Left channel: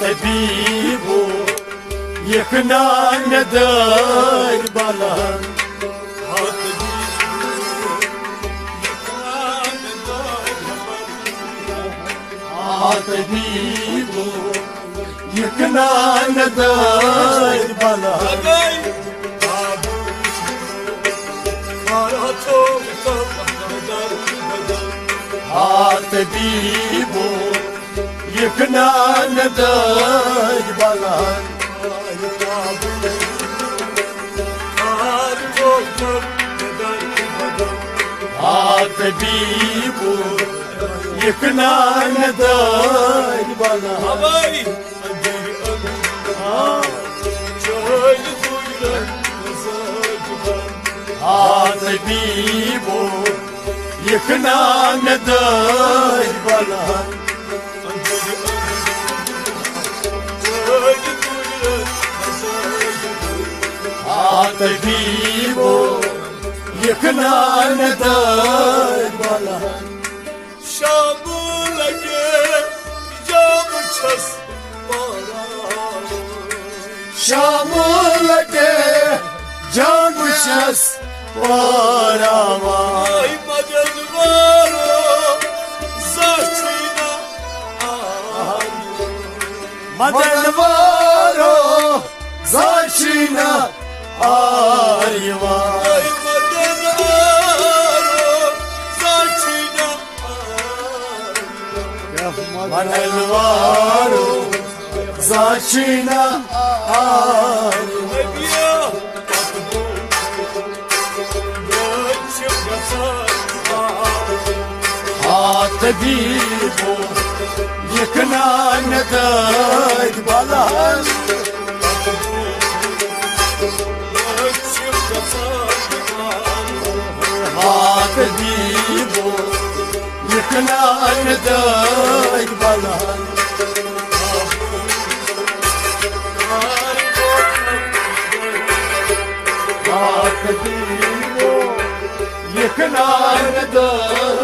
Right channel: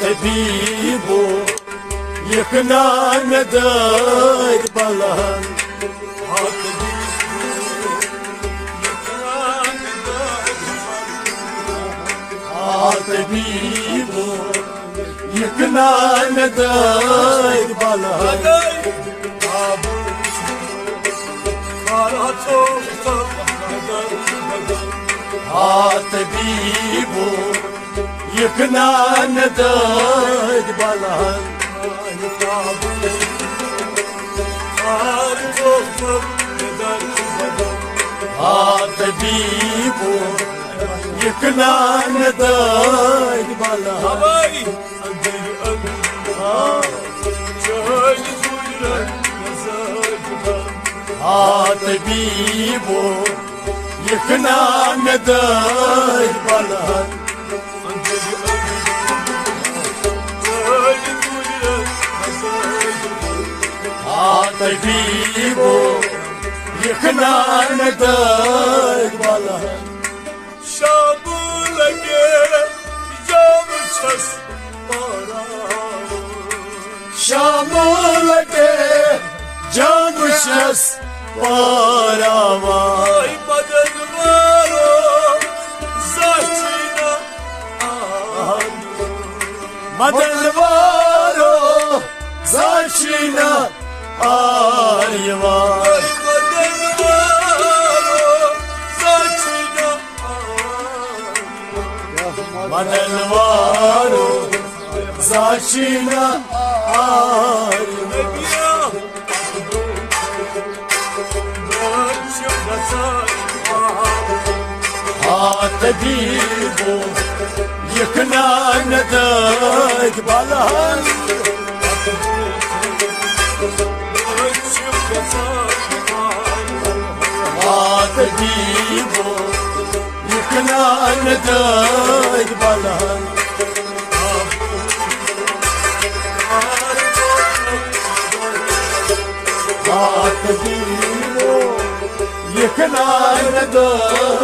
طبيب يقنع ندار بلان طبيب يقنع ندار بلان طبيب يقنع ندار بلان طبيب يقنع ندار بلان طبيب يقنع ندار بلان طبيب يقنع ندار بلان شاملك جام چس شاملك جام چس ay madad varo zatina madad varo zatina ayva ay madad varo zatina madad varo zatina ayva طبيب يقنع ندار بلان طبيب يقنع ندار بلان طبيب يقنع ندار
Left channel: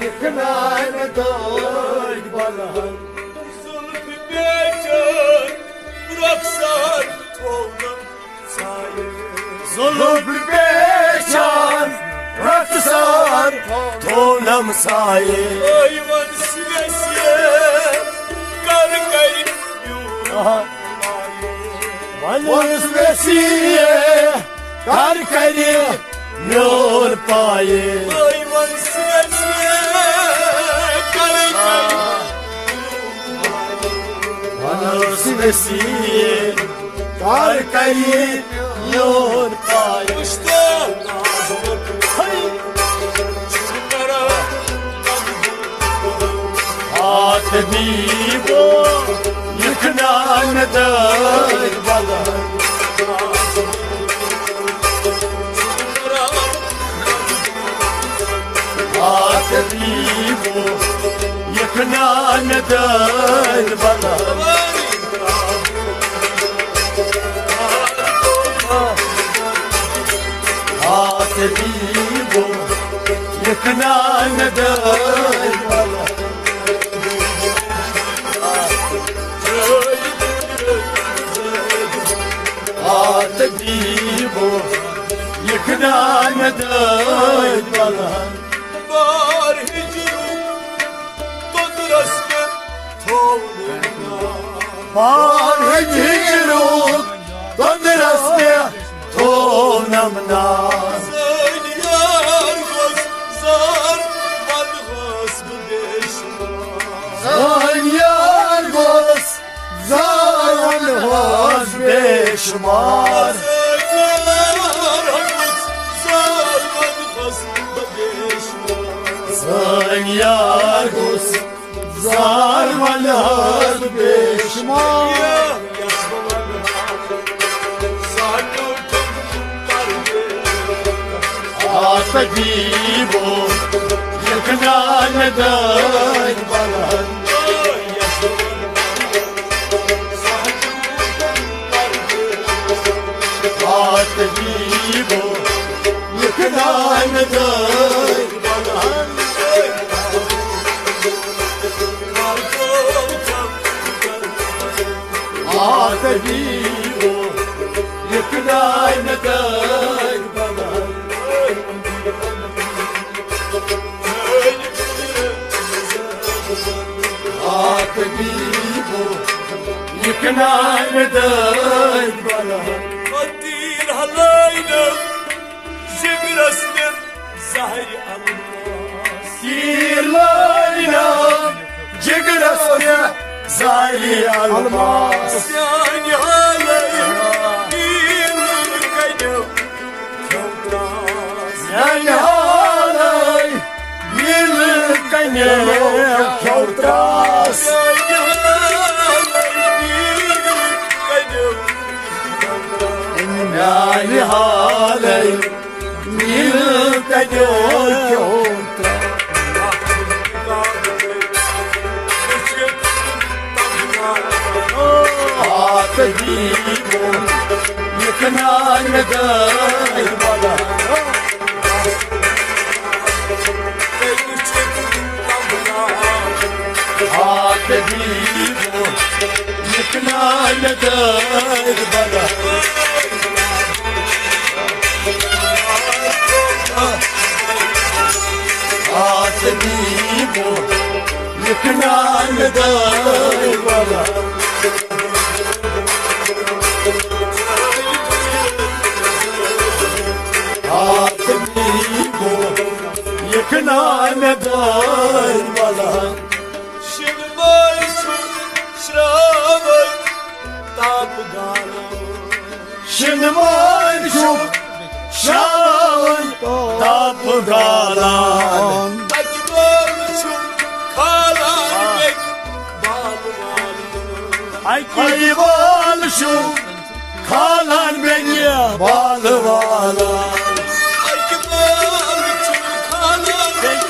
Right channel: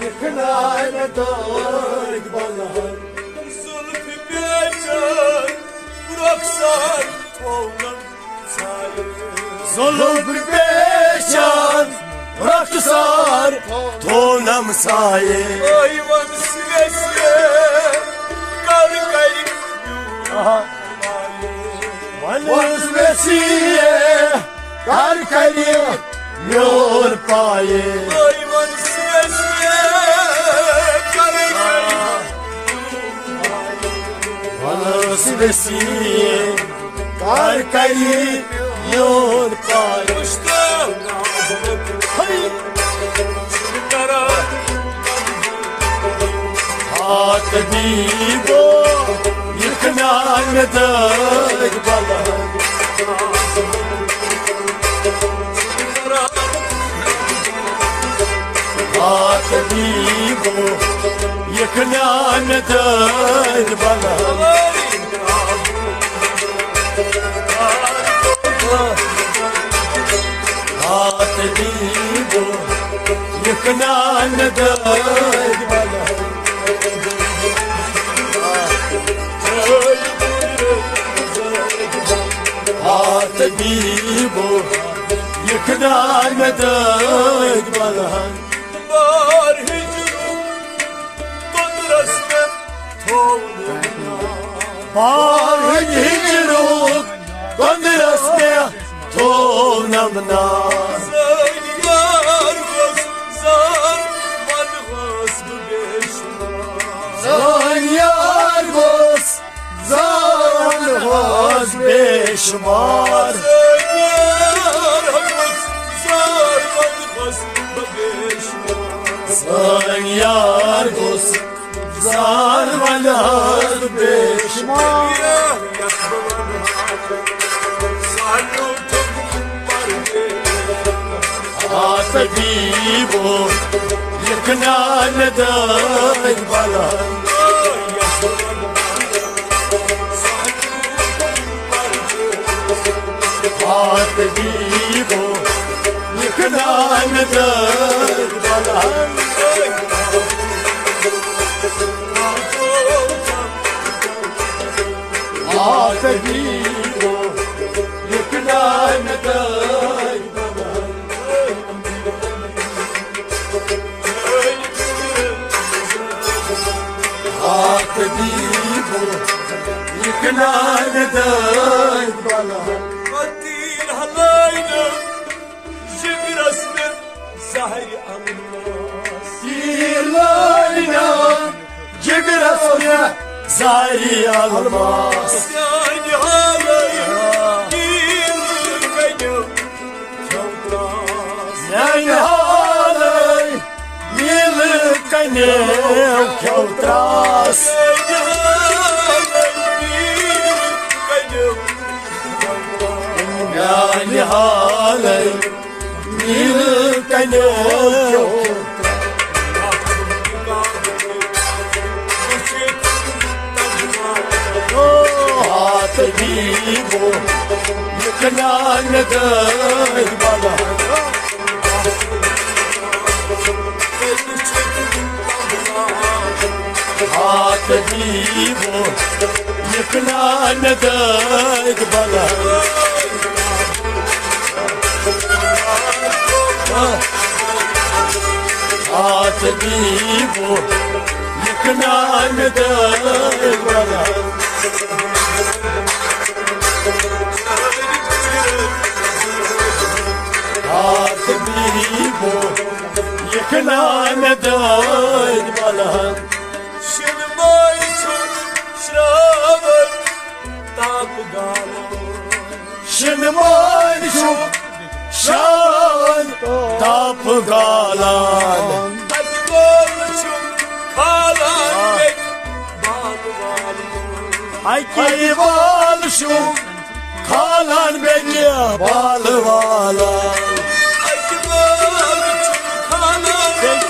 يقنع ندار بلان zülfü becer bıraksan oğlum sayı ظلم بيشان رقصار طولم سايه ayvan sivesiye kargayı والوسوسية كاركلي نور بايه ayvan sivesiye kargayı والوسوسية كاركلي نور بايه Kuştan ağzını çıkara طبيب يقنع ندار بلان طبيب يقنع ندار بلان طبيب يقنع ندار بلان طبيب يقنع ندار بلان Var hicrum Todrasne Tovluna بار هجروك قدرسني طولمنا Zar yar gos Zar man gos bu beşma زان يرقص زان غاز بشمار Zar yar gos Zar man gos bu beşma زان يرقص زار غاز بشمار Ya yakmalar Salutum parge طبيب يقنع ندار بلان طبيب يكنان دايك تجيبه يكنان دايك تجيبه يكنان دايك الدين هلاينا زغرسنا زهر أمراس دير لاينا جقرسنا زي الماس يعني هلايا دين كيو فوتاس يا نهاري يلقني كوتاس يعني هلايا دين كيو يا نهاري يلقني تجيبه يكنان دايك بابا تجيبه يكنان دايك بابا تجيبه يكنان دايك بابا تجيبه يكنان دايك بابا شنمايشون شرابي تابغانا شنمان شوف شان تابغالان أجمالشون خالان بك بالوالو ayval شوف kalan beni balrala أجمالشون خالان بك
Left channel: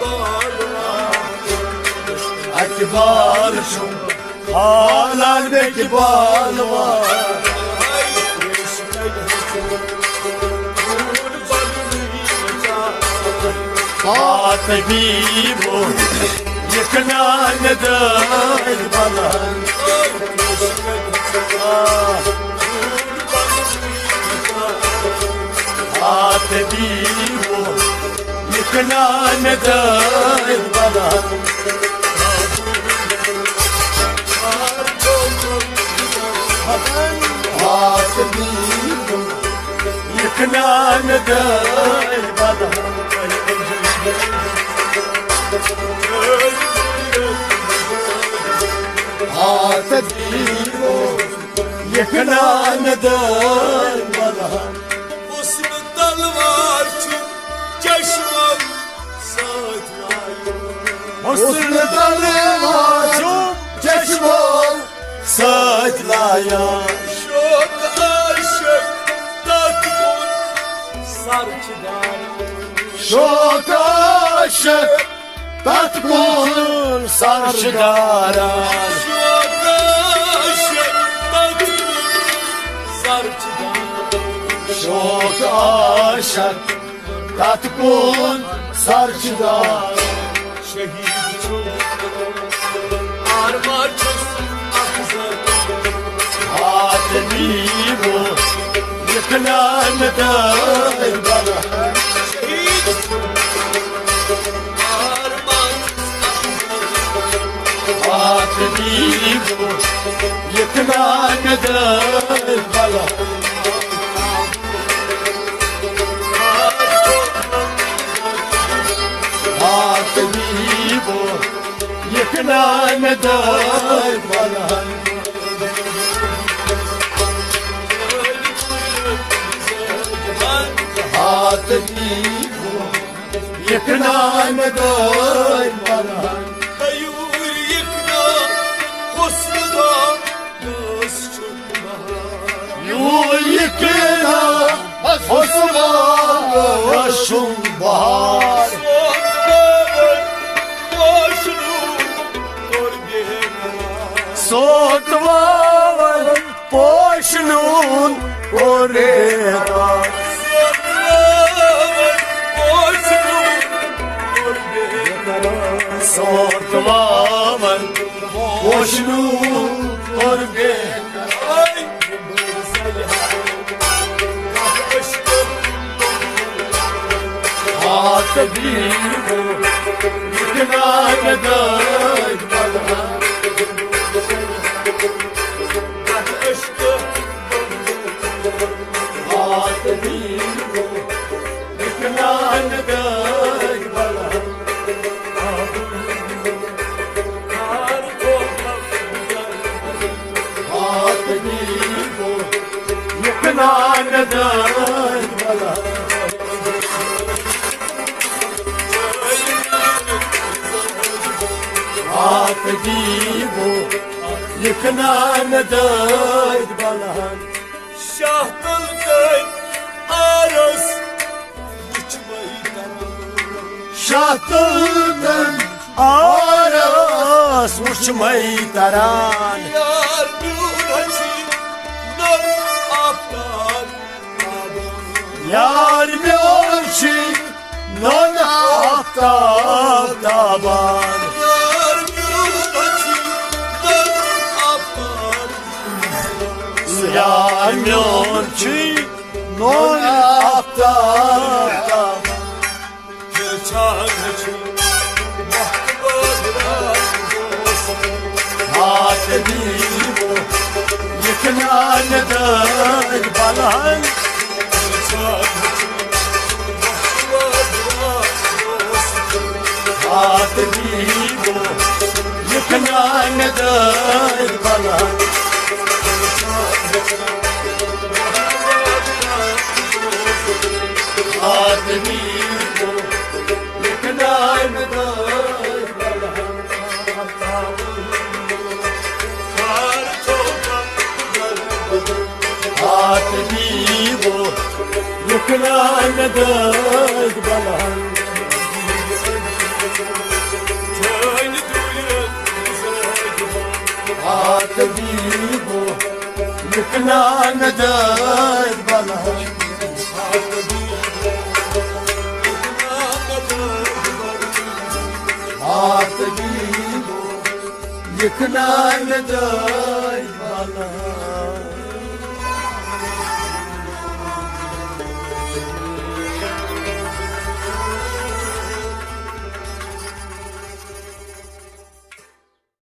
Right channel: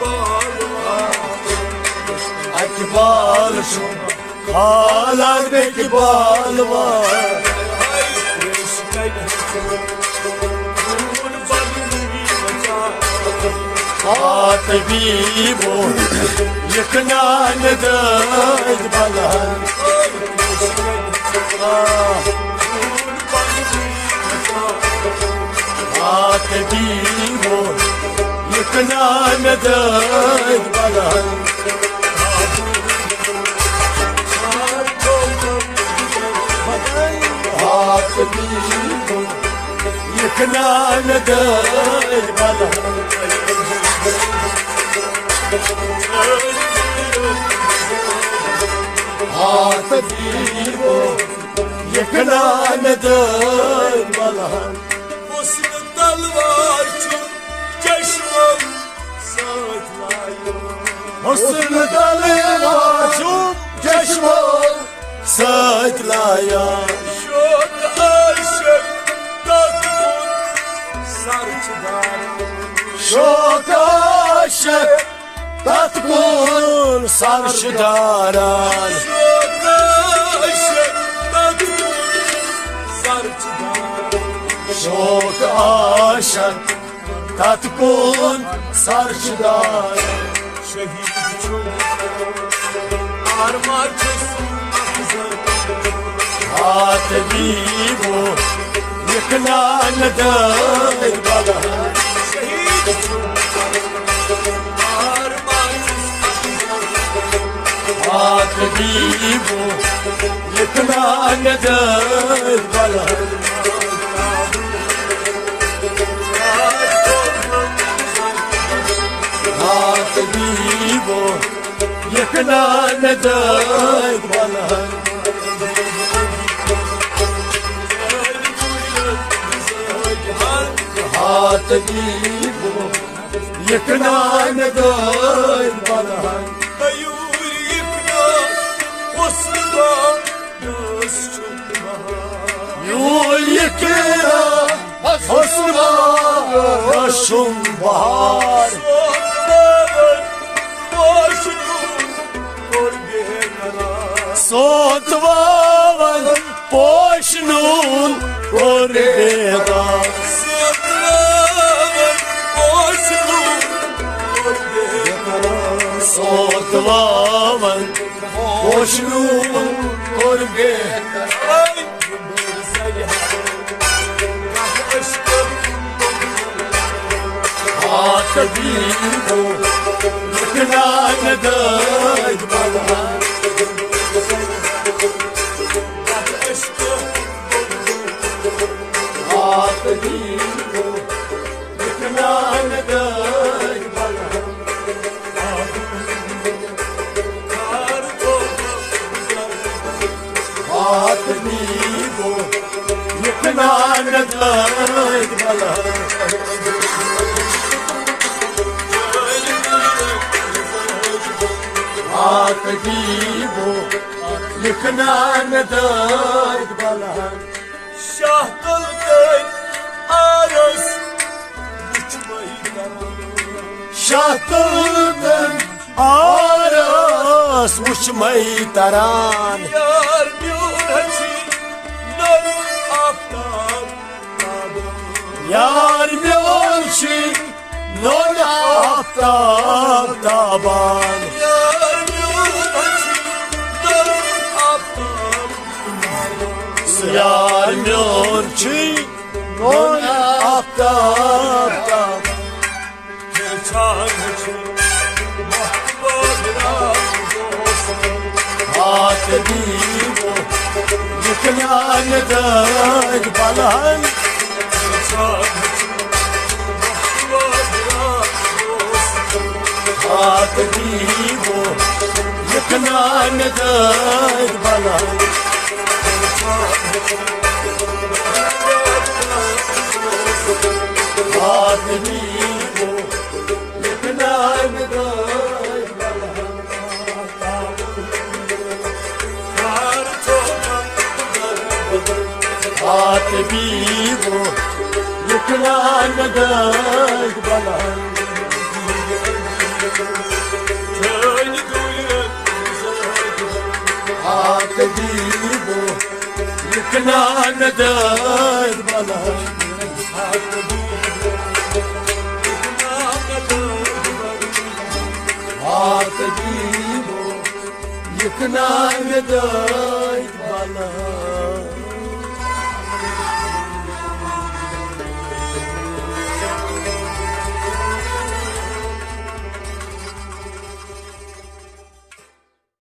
بالوالو ayval شوف kalan beni balrala تجيبه يكنان دايك بابا تجيبه يكنان دايك بابا تجيبه يكنان دايك بابا تجيبه يكنان دايك بابا حسن تلوار چون چشمم ساتلایم حسن دلواشو چشمم ساتلایم شد عاشق تاتون سرچدارم شوق عاشق تتكون سرشداران شد عاشق تاتون سرچدارم شوق عاشق تتكون سرشداران şehit çok armacısın akızım تجيبه يكنان دايك بابا şehit çok armacısın akızım تجيبه يكنان دايك بابا تجيبه يكنان دايك بابا تجيبه يكنان دايك بابا Hayur yıkna husnuna göz çıkma يكنا حسنا وشم بهار Sokağın boşluğu korgana صوت وال boşluğun orada Sokağın خوشنو گرگه Ay Kah aşkım آتگیرو یکنا نداد بلا Kah aşkım آتگیرو یکنا نداد بلا Kar toprak آتگیرو یکنا نداد بلا آتگیرو یکنا نداد بلا Şah kılgın aras Uçmayı daran Şahtıldım aras uçmayı taran Yar müracı Nur aftan Yar miyolçi non aftab taban Yar müracı Nur aftan Yar miyolçi non aftab taban Çağrıcı Mahbublar olsun Atedivo yıkına neden balan Çağrıcı Mahbublar olsun Atedivo yıkına neden balan Atedivo yıkına neden Atedivo yıkına neden balan Köylü duyun Atedivo yıkına neden balan Atedivo yıkına neden balan